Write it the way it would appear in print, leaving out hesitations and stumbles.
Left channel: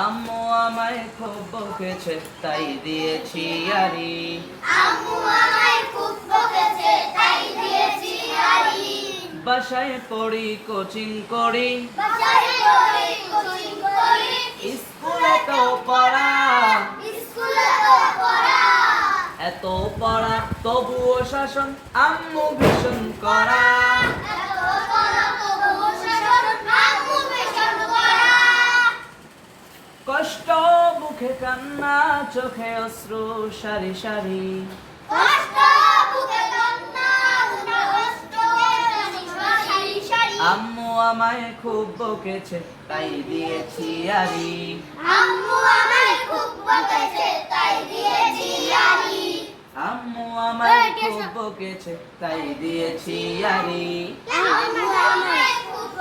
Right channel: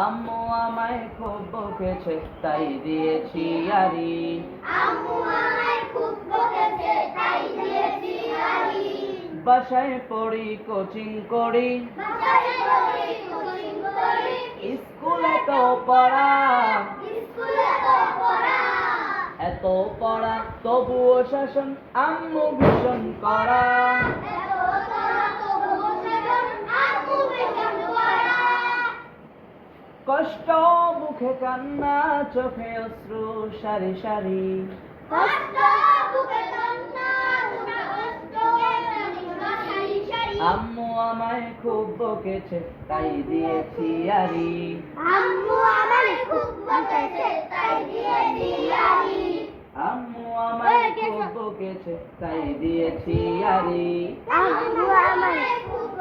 আম্মু আমায় খুব বকেছে তাই দিয়েছি আরি। আম্মু আমায় খুব বকেছে তাই দিয়েছি আরি। বাসায় পড়ি কোচিং করি, বাসায় পড়ি কোচিং করি, স্কুলে তো পড়া, স্কুলে তো পড়া। এত পড়া তবুও শাসন আম্মু ভীষণ করা। এত পড়া তবুও শাসন আম্মু ভীষণ করা। কষ্ট মুখে কান্না চোখে অশ্রু সারি সারি। কষ্ট বুকে কান্না উঠে কষ্ট সারি সারি। আম্মু আমায় খুব বকেছে তাই দিয়েছি আরি। আম্মু আমায় খুব বকেছে তাই দিয়েছি আরি। আম্মু আমায় খুব বকেছে তাই দিয়েছি আরি। আম্মু আমায় খুব